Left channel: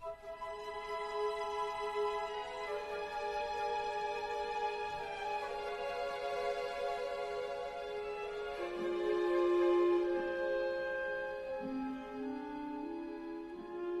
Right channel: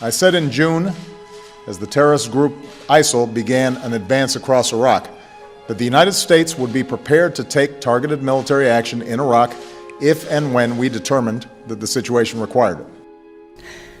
I said in June, as the terrorist group ISIL began an advance across Iraq, that the United States would be prepared to take targeted military action in Iraq if and when we determined that the situation required it.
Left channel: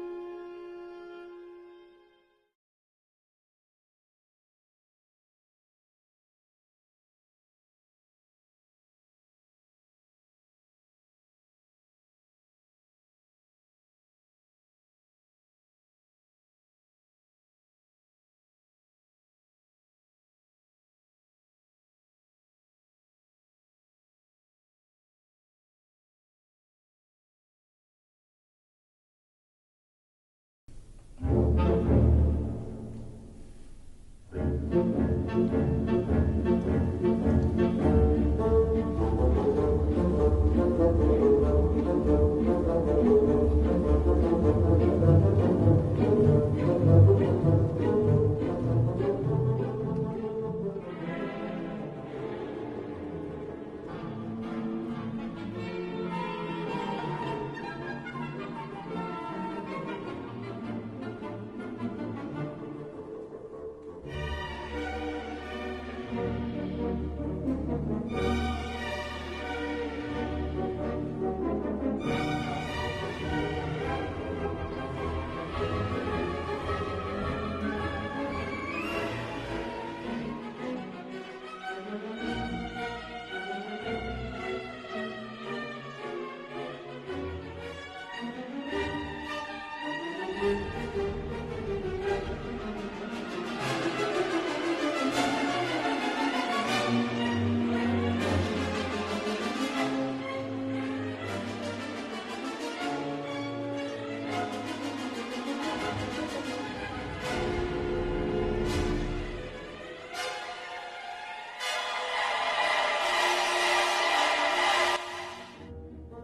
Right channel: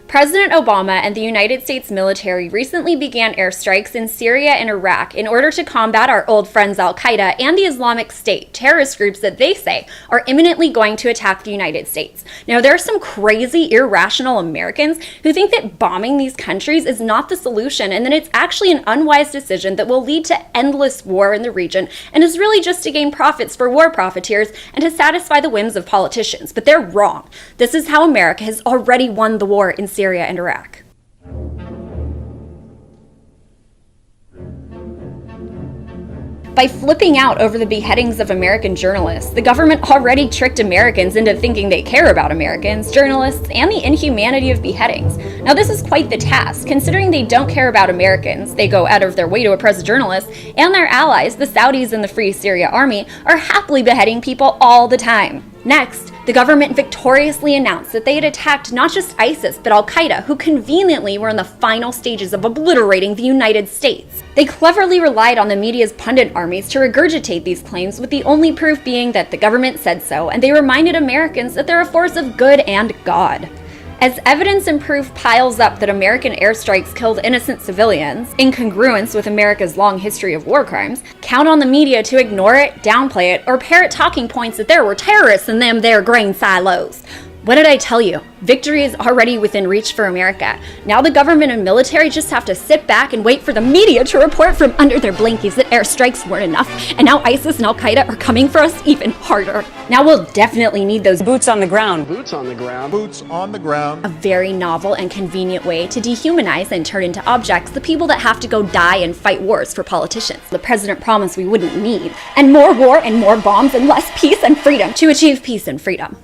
President Obama and the United States military recently began airstrikes in Syria and Iraq in order to combat our old friends al-Qaeda and the Islamic State, terrorist groups that they say are imminently going to attack the United States. Now, there are some crazy, irrational Americans who think that bombing these countries is not the solution and that it's actually an unwise decision that will lead to endless war in the region and is really just to gain profits for war profiteers and to satisfy the whims of politicians. But they're wrong. This is how America has already won the war in Syria and Iraq. By flipping out over the beheadings of American journalists, the government already tricked Americans into thinking they care about Americans, journalists, and the inhumanity of beheadings. Now, this is quite the task, considering they don't care about Americans. They go out of their way to oppress journalists, and their allies, the Saudis and the Free Syria Army, are happily beheading people all the time. Next, the government victoriously announced that they had attacked not just ISIS, but al-Qaeda, who conveniently were in the final stages of obliterating the United States. They cleverly relied on the media's pundit armies to regurgitate these claims, with the only proof being that the government said so, and they reminded Americans that they're a force of good and God. As evidence and proof piles up that American airstrikes killed innocent civilians, in congruence with America's long history of war crimes, count on the media to ignore it, downplay it, or parrot talking points that there were terrorists in them there grain silos. What did I tell you? Victory is already within reach for America. Now the government and military just have to sit back and wait for the media to report from under their blankies that airstrikes weren't enough, and now ISIS and al-Qaeda are coming for us even harder. Now we'll definitely need those boots on the ground. Boots on the ground. Boots on the ground. A very novel and convenient way to dehumanize and turn into objects the people that have to go die and fight wars for politicians. The president promised we wouldn't need. And more war and more bombs and less peace and freedom to achieve peace and freedom.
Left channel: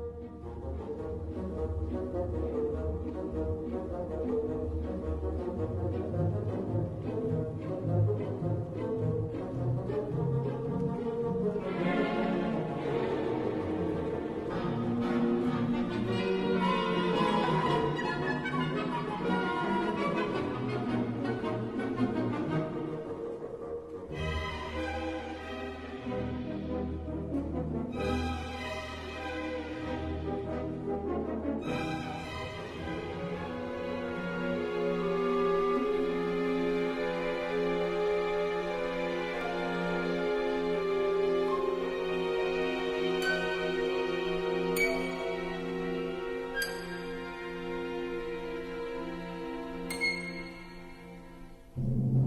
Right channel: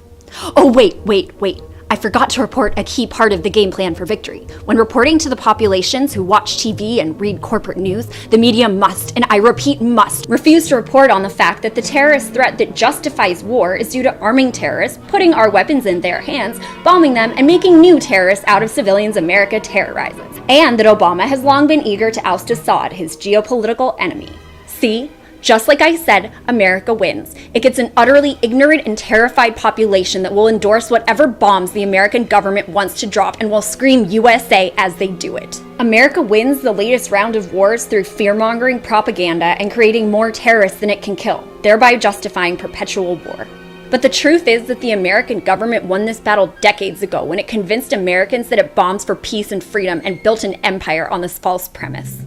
Oh, wait. I forgot to report a key part of the game plan for victory. When reporting to the populations who watch TV and read corporate news, the media must, and I repeat must, refuse to report on the fact that the terrorist threat that justifies war is due to arming terrorists, putting our weapons in their hands, bombing them, and making new terrorists out of civilians America terrorizes. And that Obama has long been eager to oust Assad, his geopolitical enemy. See? Just like I said, America wins. It gets an utterly ignorant and terrified population that will endorse whatever bombs the American government wants to drop and will scream USA as they do it. America wins the latest round of wars through fear-mongering propaganda and creating more terrorists than it can kill, thereby justifying perpetual war. But the truth is that the American government won this battle decades ago when it convinced Americans that it bombs for peace and freedom and built an empire on this false premise.